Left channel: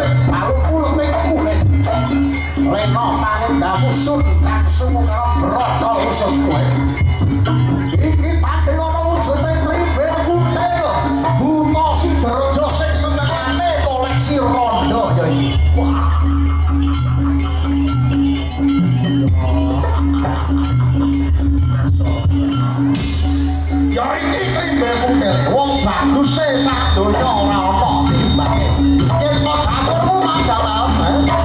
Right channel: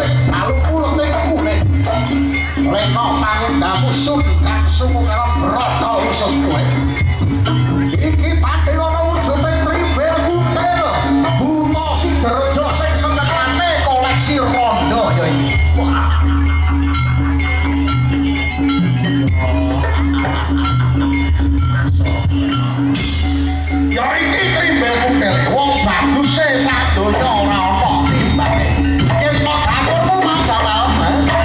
sing balu kuleting kulit. Lena pangendamu sun kang sumu karo brata usus kowe. Iki pati ana wujude tribel kuntil. Buta Sidraja sing senengane koleksi rondo ya iki. Ya iki tribel kuntil wong baguse sak donya ora ana timbake. Yen kok dapurmu tak jawab,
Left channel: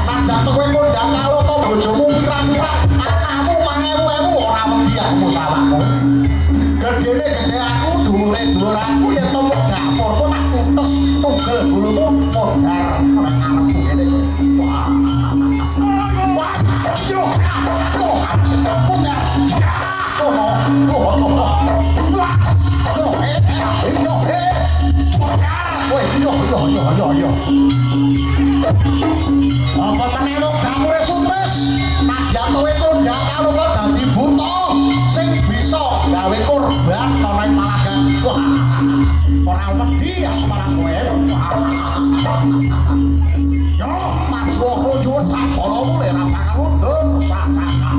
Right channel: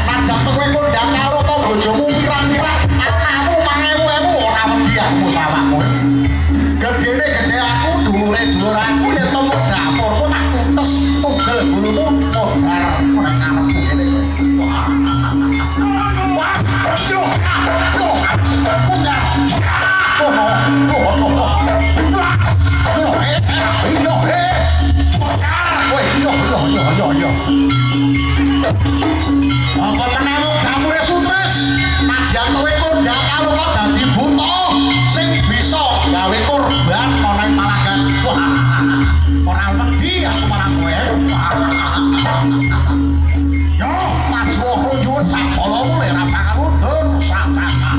najan kowe kondang karo to bojomu pirang-pirang, anakmu mangewu-ewu ora wedi sawakmu. Gedene gede aku, dhuwure dhuwur aku yen to mung dapurku tak tuntes tugel bulumu modar nek arepmu ngene kowe. Wah. Wah. Yo. Apa menawa gamure sutres, nadyan kowe kondang kamu kok dadi buta sing bisa gawe korban ana ing Malagan. Wah, ora wedi aku marang kowe. Yo, maju nyuwun sakolomu lek ora pangarundun sacaka.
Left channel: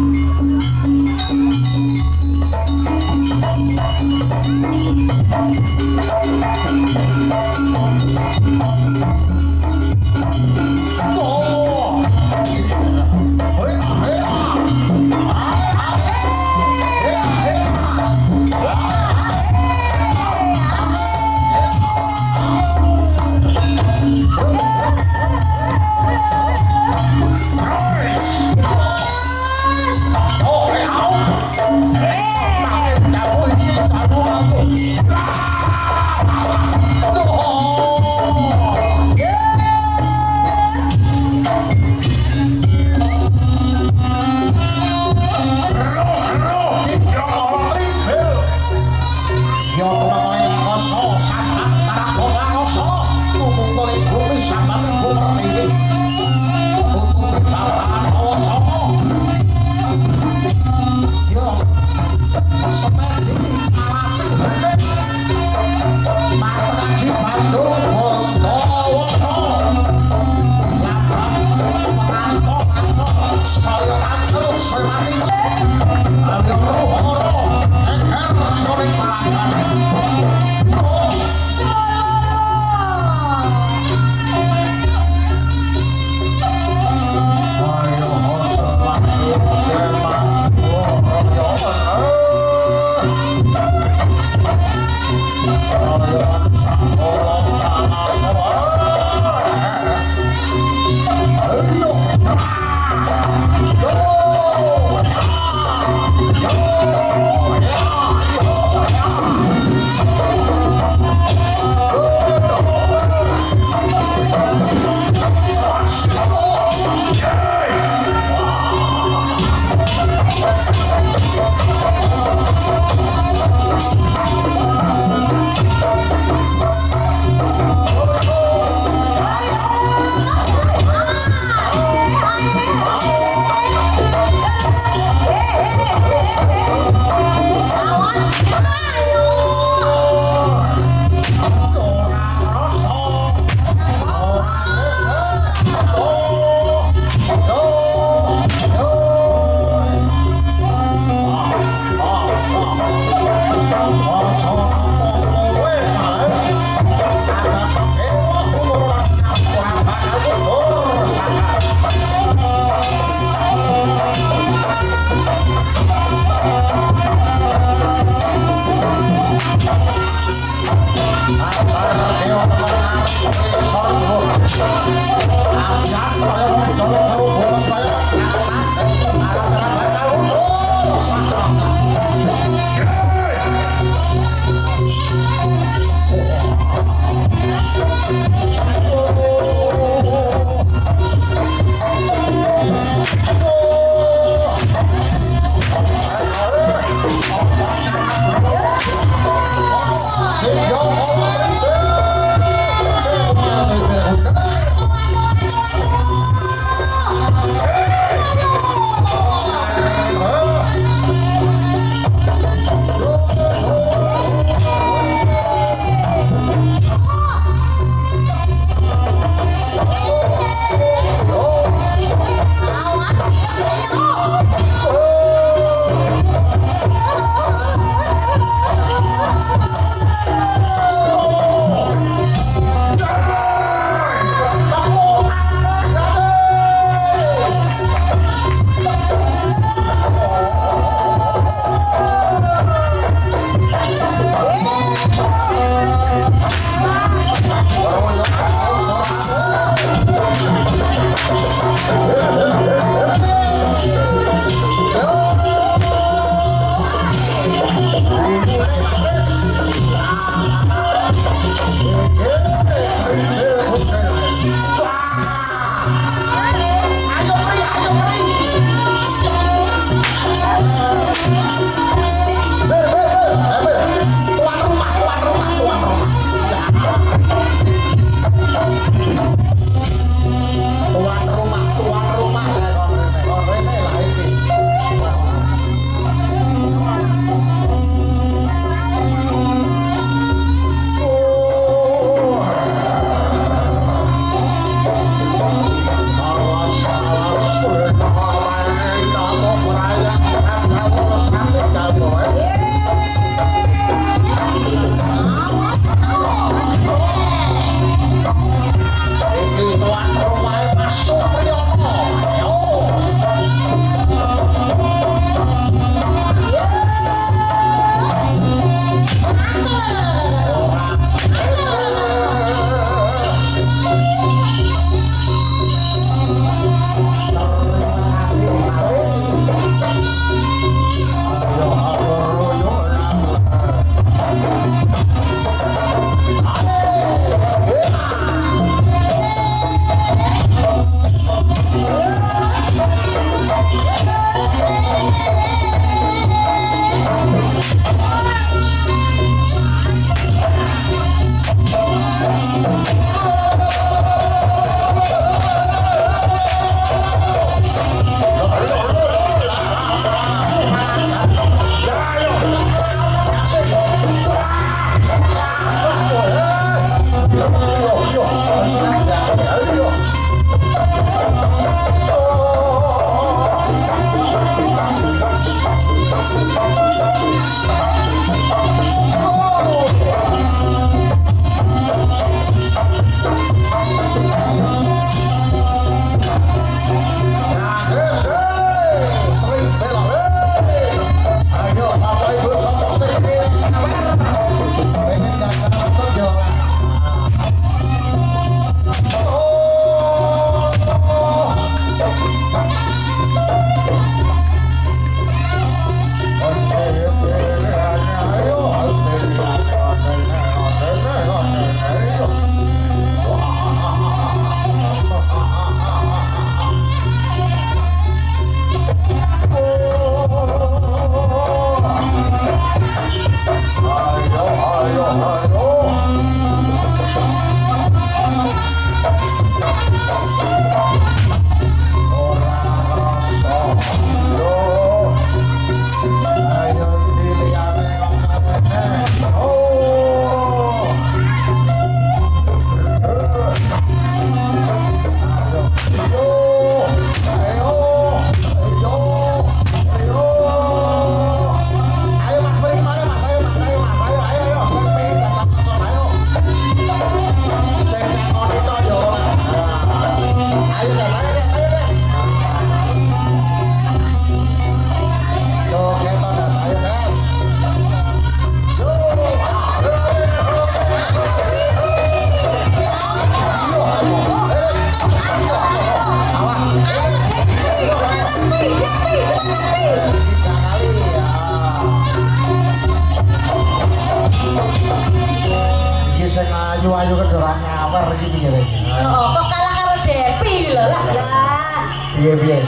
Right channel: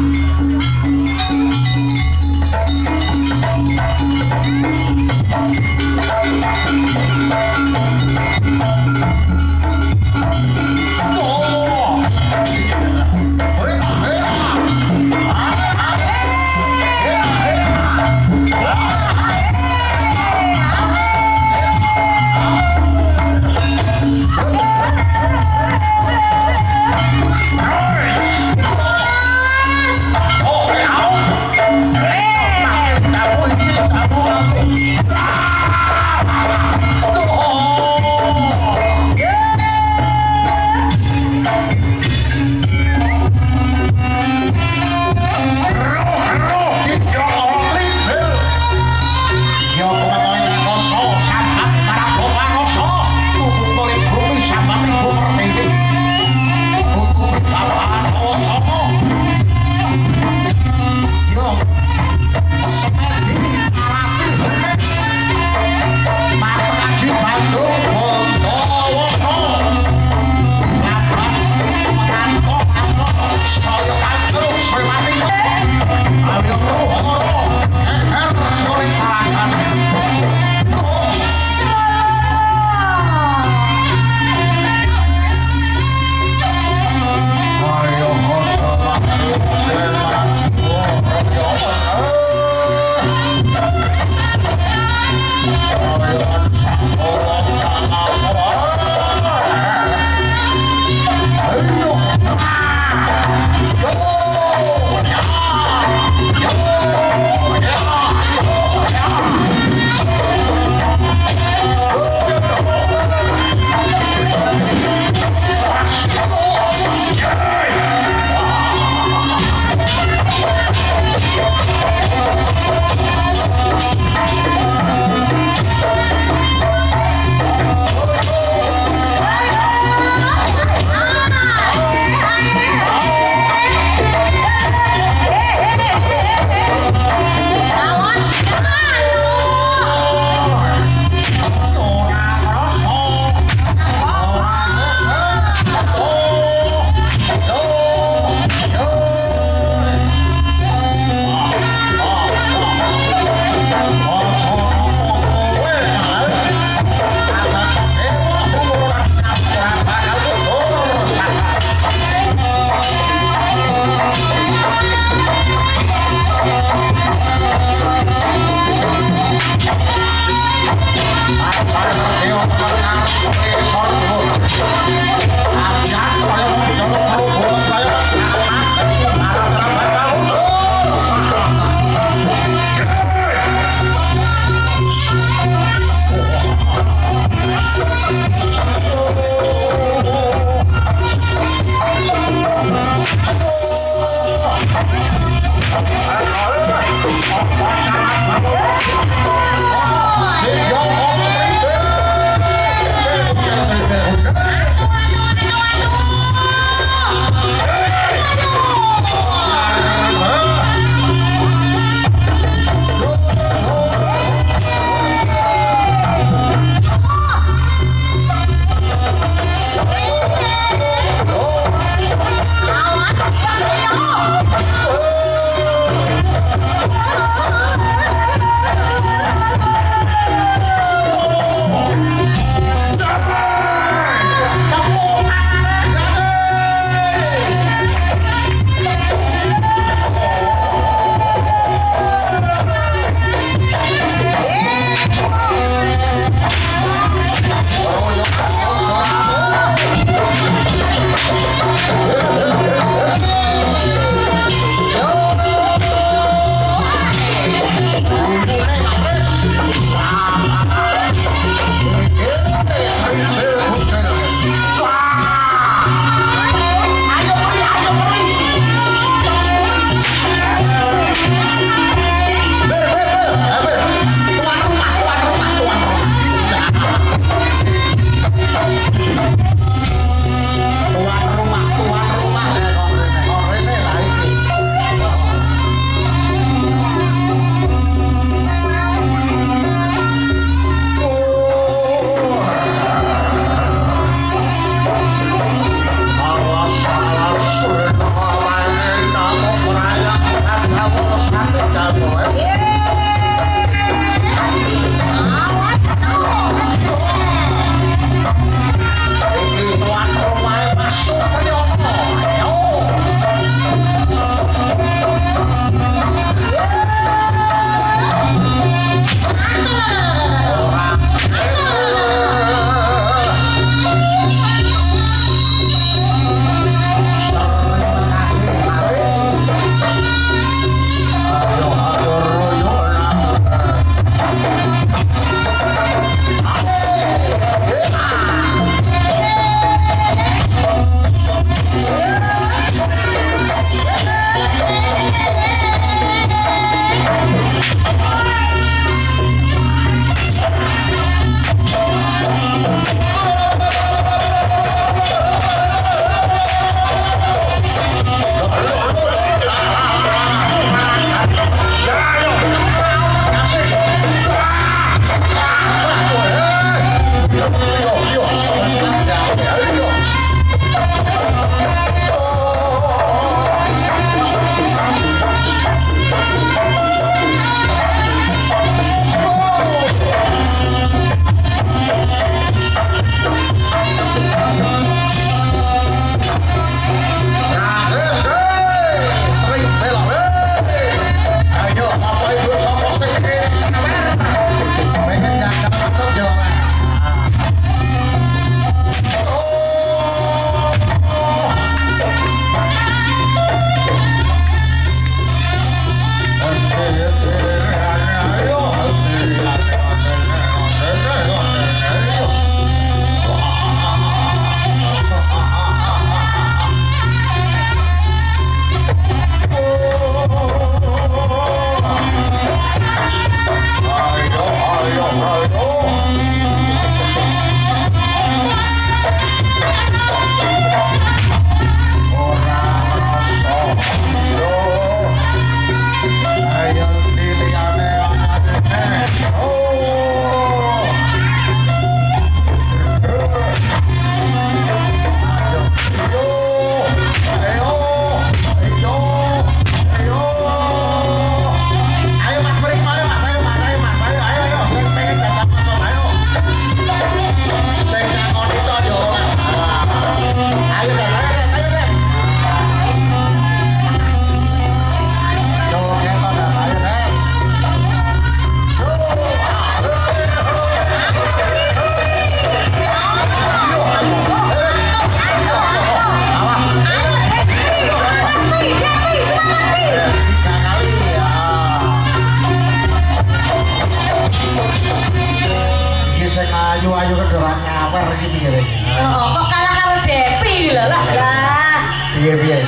Piye?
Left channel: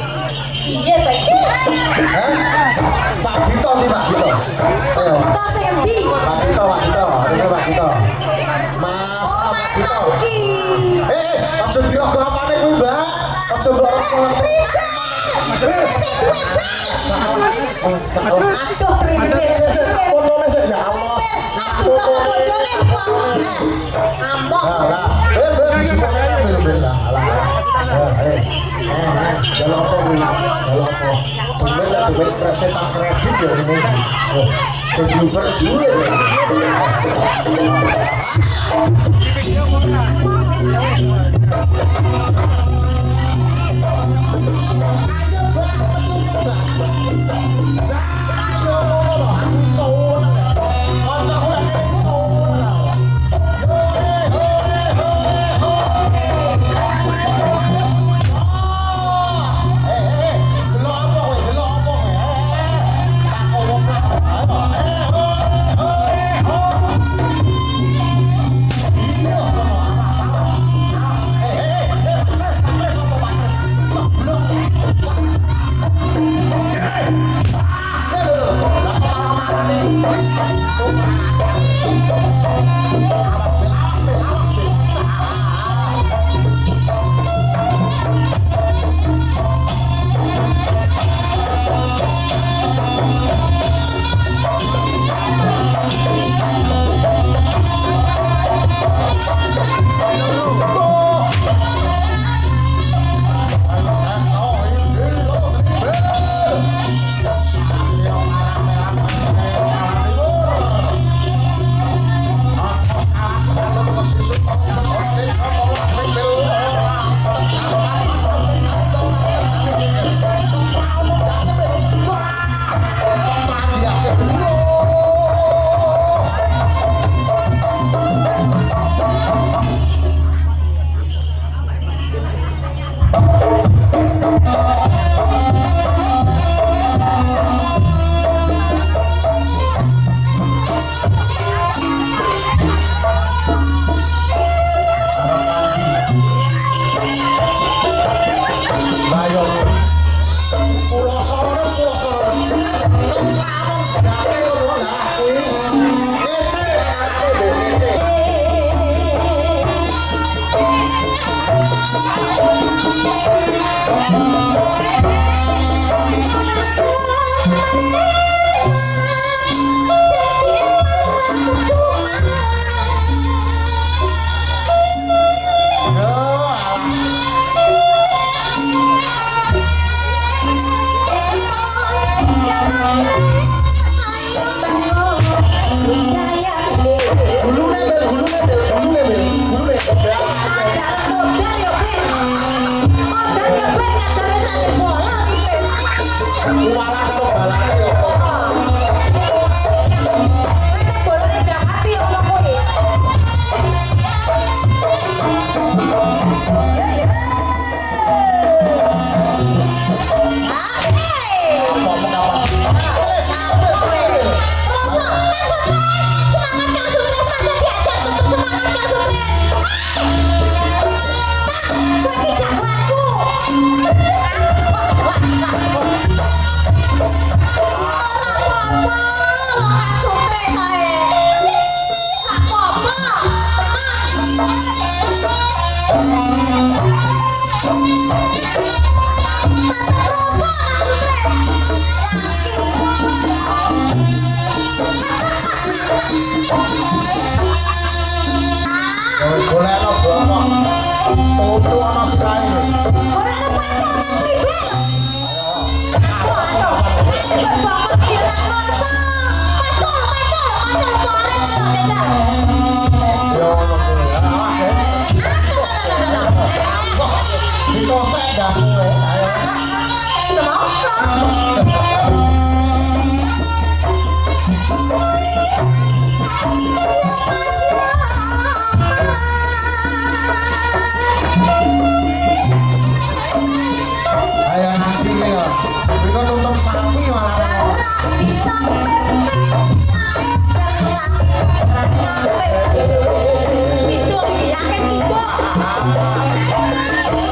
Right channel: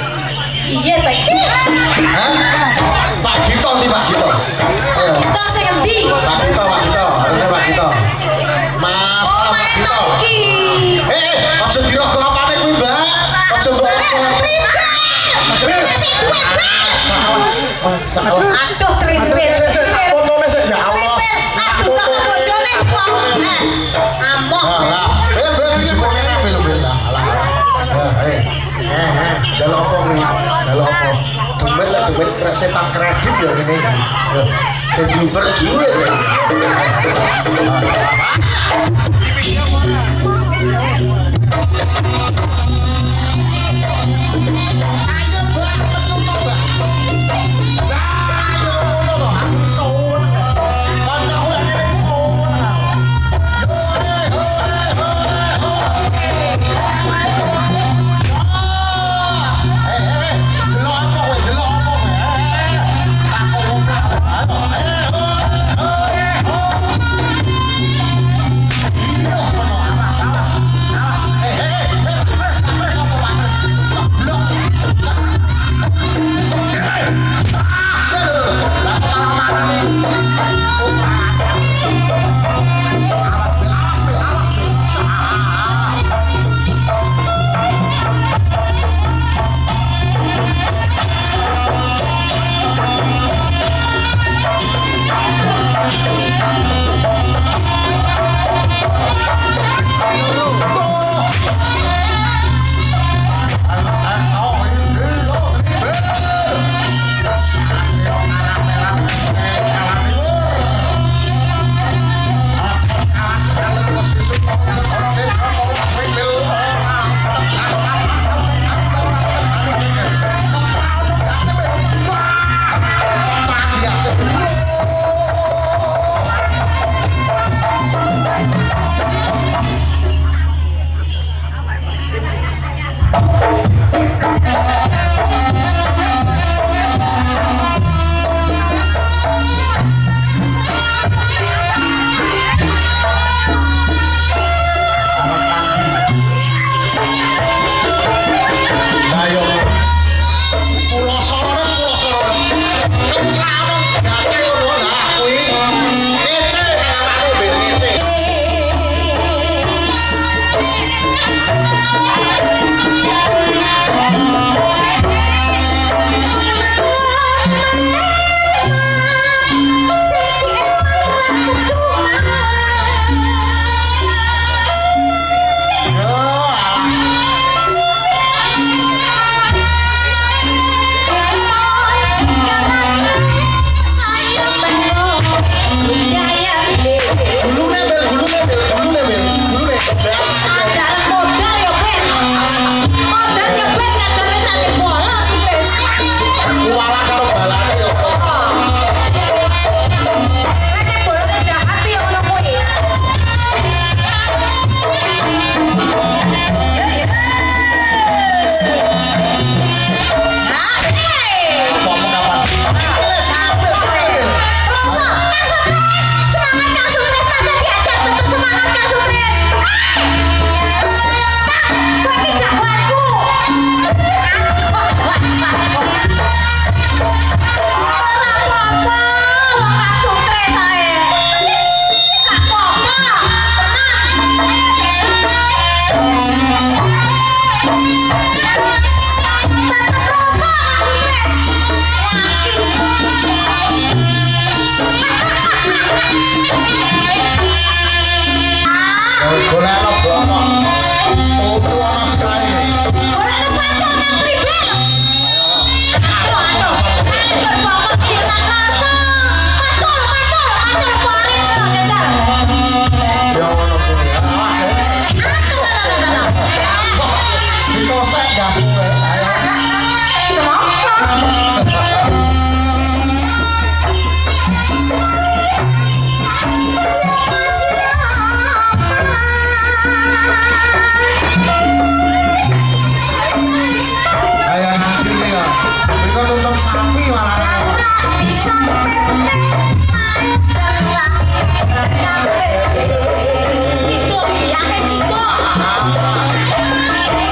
Iya saiki. Hah? Pak Gito nih Pak Gito. Ayo. Kita sing endi? Pak Gito. Ini Pak Gito. Mas Pak Gito. Aja dira kelapane kuwi, Mbak. Aja mbok Aduh, tripit. Fotone sik ya Allah. Aduh, kok bojone kok. Amok. Jalur apa kuwi? Jalur apa? Duit setan kredit ya ini. Developer juga.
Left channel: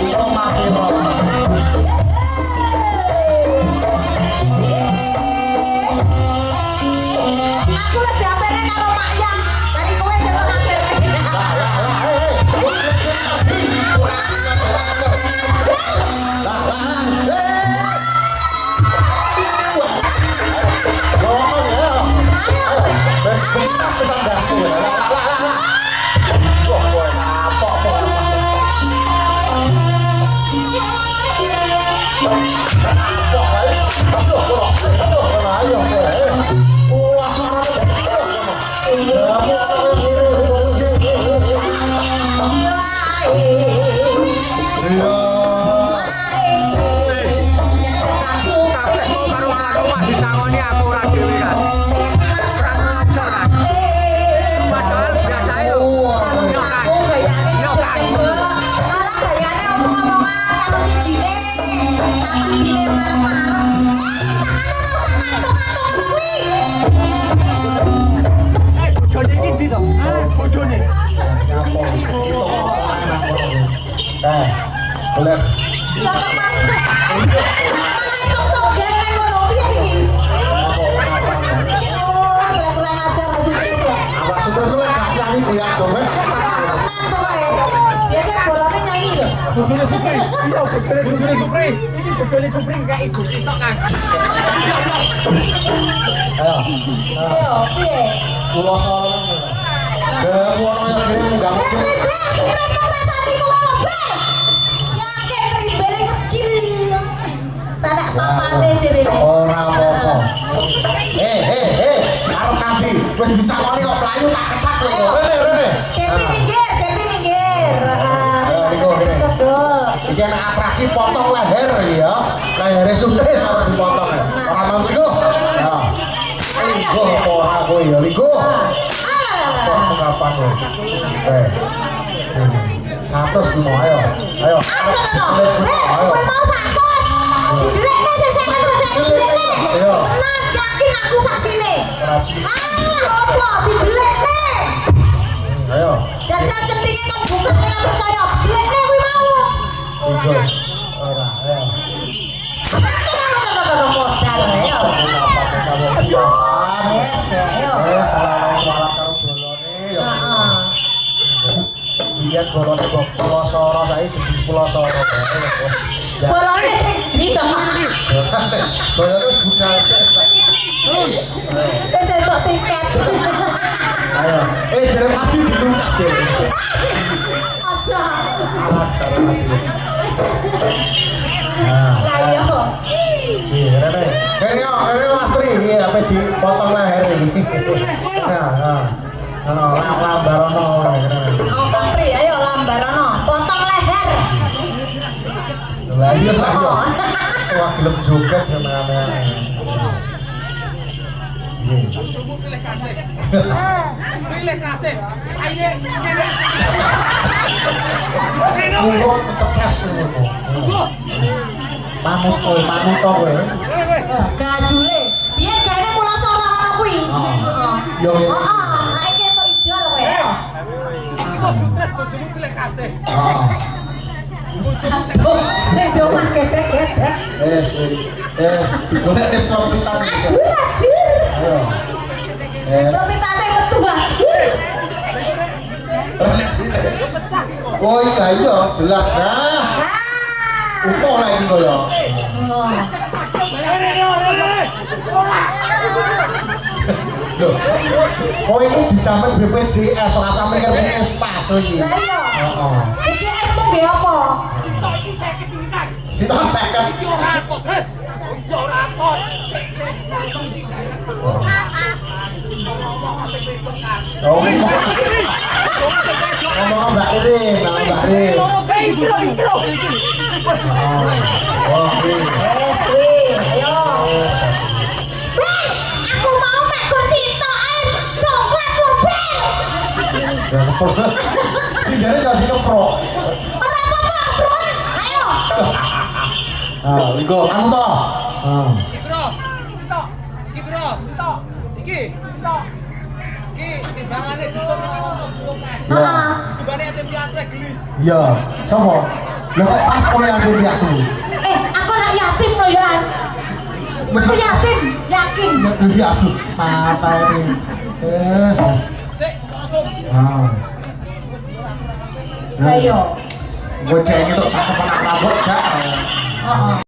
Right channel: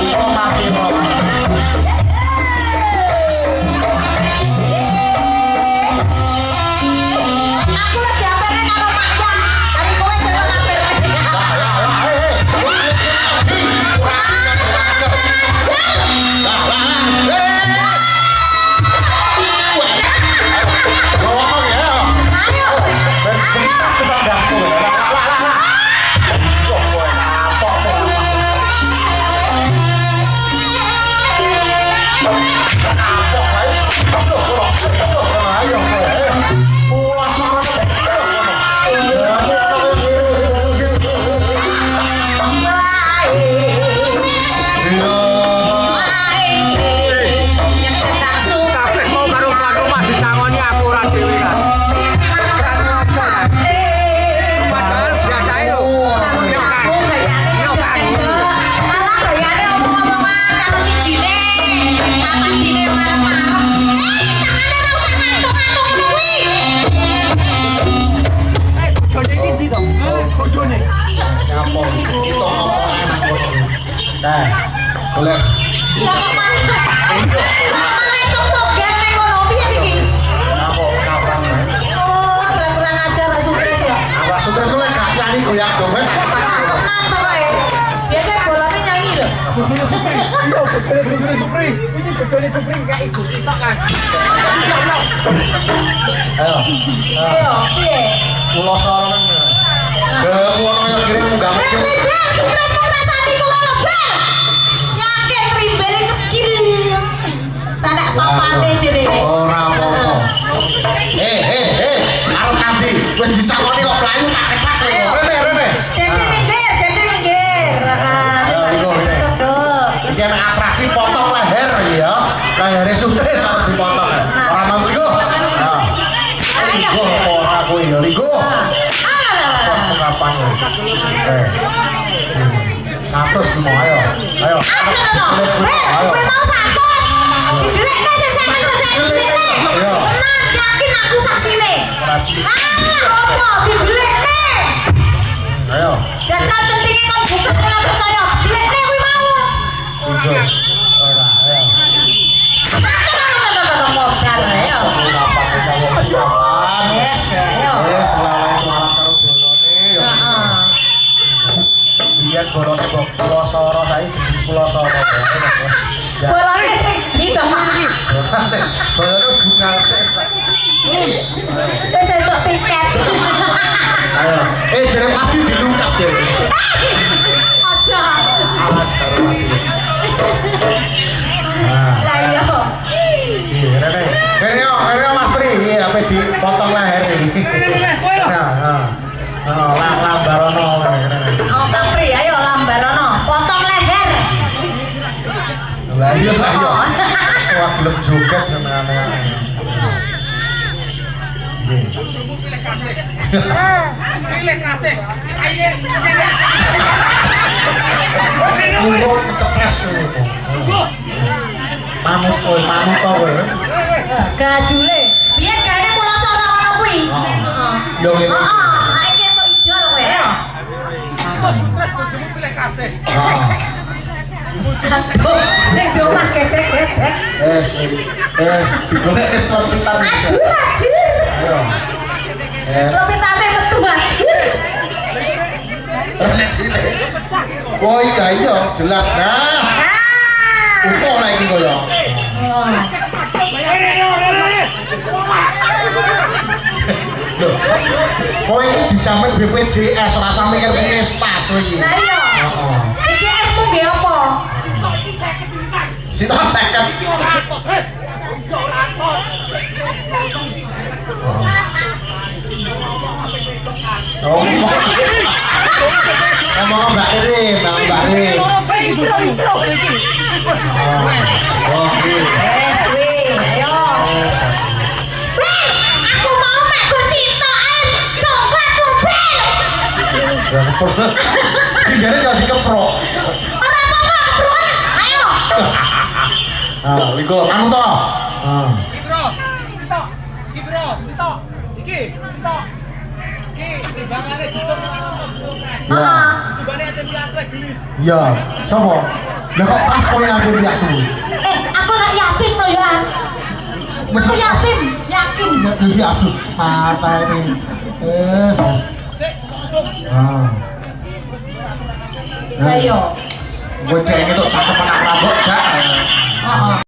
Itu mati Boleh. Iya kok mana? Mana kok kok ganteng ngono piye iki? Oh, kurang ajar sukses ya. Apa sukses lu gak nyanyi goyang dompet tak ketak. Tenang pokoknya. Biasa bolanya nyanyi loh. Iya, Supri. Ini bojone Supri kayak ibu sitok kan. Ayo. Ayo, piye? Kula sono. Ke ngono yang kira munggah kecil. Sukses sapi kok bel. Yakin rimbele kecil. Tanek papane jere. Ora apa-apa. Arep nanti wis disakoni kok mlayu tak ketak lho. Rene. Depi minggir. Iki ana atraksi potong leher ya. Lehere sukses harus dipotong. Ora mau iku. Nah. Iku ora aku ya iku. Kapan ya? Satu semua ayo. Ayo. Ayo. Mau satu. Didelekne sesek didelekne. Nah, yakin aku saksine. Apa didelekne? Ayo. Dasar centinge kok buka ora percaya. Didelekne kuwi mau. Ora. Ayo. Yes, ayo. Biar bolong kok pulau soro saiki di pulau soro. Bolane sing iki iki. Bolong bukan sek. Wis entuk tiket. Ayo. Jere pasti di Lukas ya. Aja. Nah. Ayo. Kene Mas Pri, iki ape dipotong leher iki. Lambarono kene. Oh, Kang Pri, ayo lambarono. Potong leher. Lah iya lah yo. Wah gelem joget senengane. Pilih kasih. Ayo. Kumpul cepes niku. Mamut kowe. Gajule. Biyen gane pulau sono ngono kuwi. Yo ngene. Heeh, nek iki entuk ijol kowe. Kok stres bojomu pilih kasih. Nek do mah ketek-ketek. Digolek wis kita. Aju. Ayo. Lopitane metu aju. Oh iya jelas nah. Upo lagi koyo. Oh ini dijamin BPJS ora sampe ngerti stas iki. Lah iya. Heeh. BPJS ku nggih apa? Sinten 50. Iki ora atos, wis. Ora atos. Oh. Ngomong Mbak Irin. Oh, Wes kuwi, ayo. Aku mau mek kursi tok ae. Coklat kurbel. Singgane jadi keprok. Ora apa-apa, Bro. Ayo. Nah, iku anu to. Bro, tok. Iki bro, tok. Iki, tok. Iki timbangane cukup Ya. subane ate piatre gelis. Iya, sopo? Lah kok pas kowe yang diri aku. Aku anak yatim loh ya. Aku yatim, yakin. Diri aku. Apa ini? Sik, tunggu. Nah. Ayo. Gue cengin tuh cakep anak rambut, Cak. Heeh.